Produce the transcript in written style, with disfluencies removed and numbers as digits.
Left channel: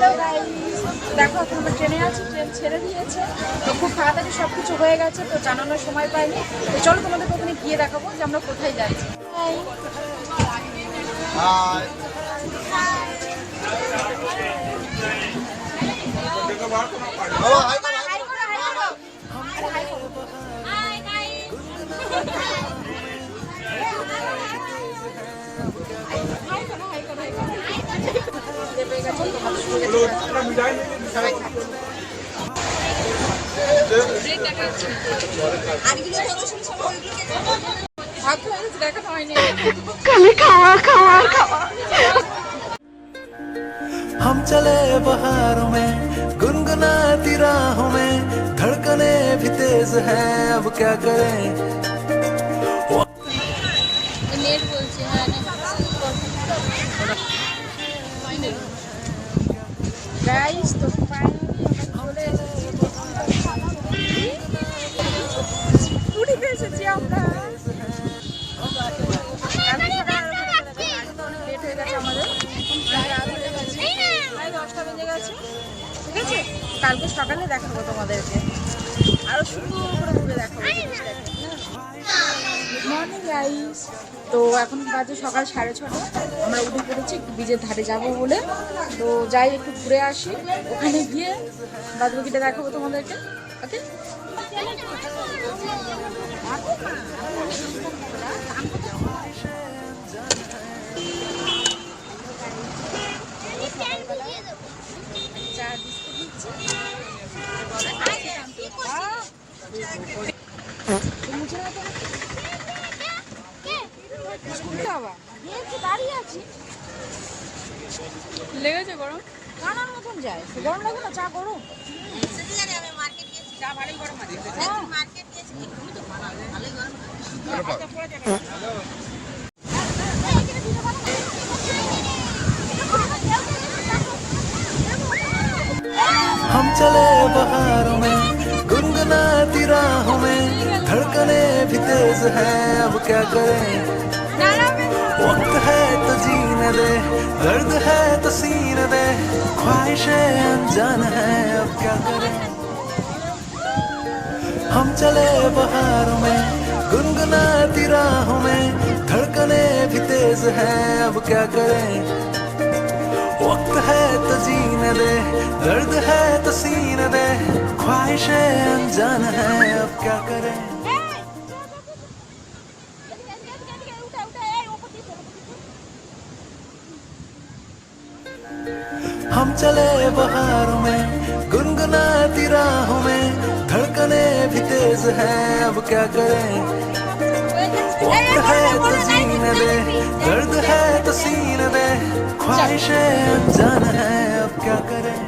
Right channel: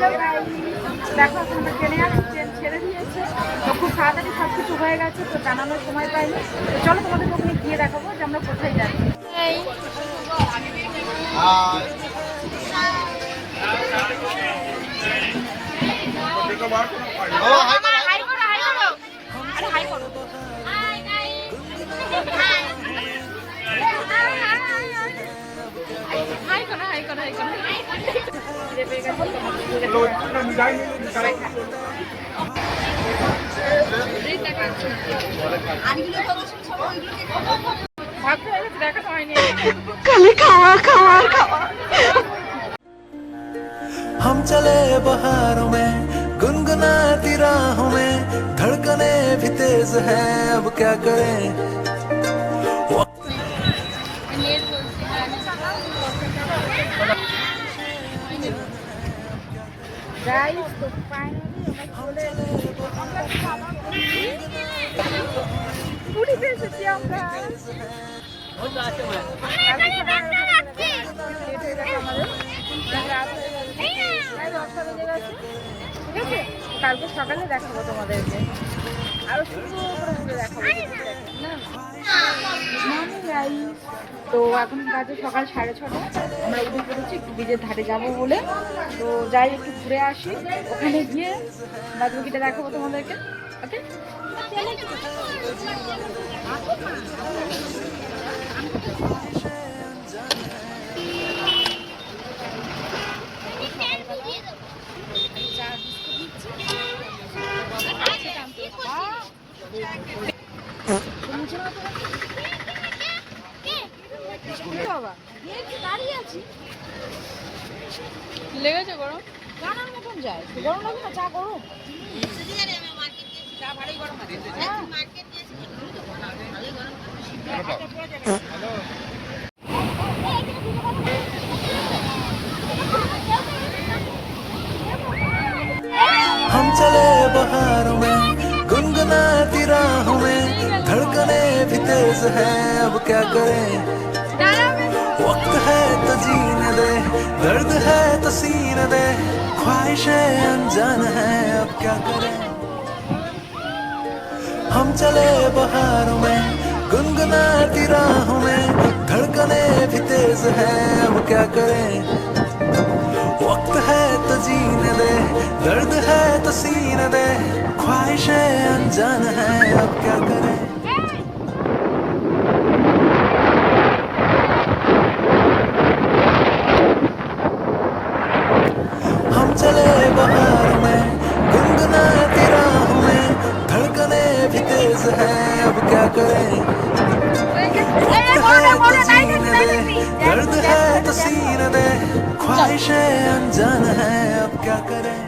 Hello guys, দেখো এখন আমরা ট্রেনে আছি, ট্রেন ছেড়ে দিয়েছে। তো খুব তাড়াতাড়ি সব কিছু হয়ে গেছে, তো জানানোর সময় পাইনি। তো চলো তোমাদেরকে ওখানে গিয়ে দেখাবো যে আমরা কোথায় যাচ্ছি। হাই করো, হাই করো, আরে হাই করো। হাই করো, হাই করো, হাই করো। পেয়ে গেছে, সবাই খাবে। ভাত হয়ে গেছে, দেখানো হয়নি। खाली खावा खावा खावा हम चले बहारों में गुनगुनाती राहों में धड़कने भी तेज है अब क्या करें গাইস, তো ফাইনালি আমরা চলে পুরীতে এসেছি আমরা। কালকে সকালে অনেক লেট হয়ে গেছে আমাদের, রাত হয়ে গেছে, প্রায় 10টা বেজে গেছে। ঠিক আছে, কালকে সকালে দেখাবো তোমাদেরকে, আরো সুন্দর করে ঘুরে দেখাবো জিনিসটাকে। গুড মর্নিং গাইস, তো এখন বাজে সকাল 6:30। আমরা উঠে পড়েছি একটু ব্রিজের ধারে যাব বলে। তো যাই একটু ঘুরে আসি, ওখানে গিয়ে বাদবাকিটা দেখাবো তোমাদেরকে। ওকে, চা বিস্কুট নিচ্ছি। মুছে না তো বাবা, দাঁড়িয়ে আছি, লেগেছে গরম, কানার মতন যায়। গরম লাগবে না, চা গরম, চা ভালোই গরম আছে। हम चले बहारों में गुनगुनाती राहों में धड़कने भी तेज है अब क्या करें वक्त है तो जीने दे दर्द है तो सीने दे ख्वाहिशें अनजान है अब क्या करें हम चले बहारों में गुनगुनाती राहों में धड़कने भी तेज है अब क्या करें वक्त है तो जीने दे दर्द है तो सीने दे ख्वाहिशें अनजान है अब क्या करें हम चले बहारों में गुनगुनाती राहों में धड़कने भी तेज है अब क्या करें वक्त है तो जीने दे दर्द है तो सीने दे ख्वाहिशें अनजान है अब क्या करें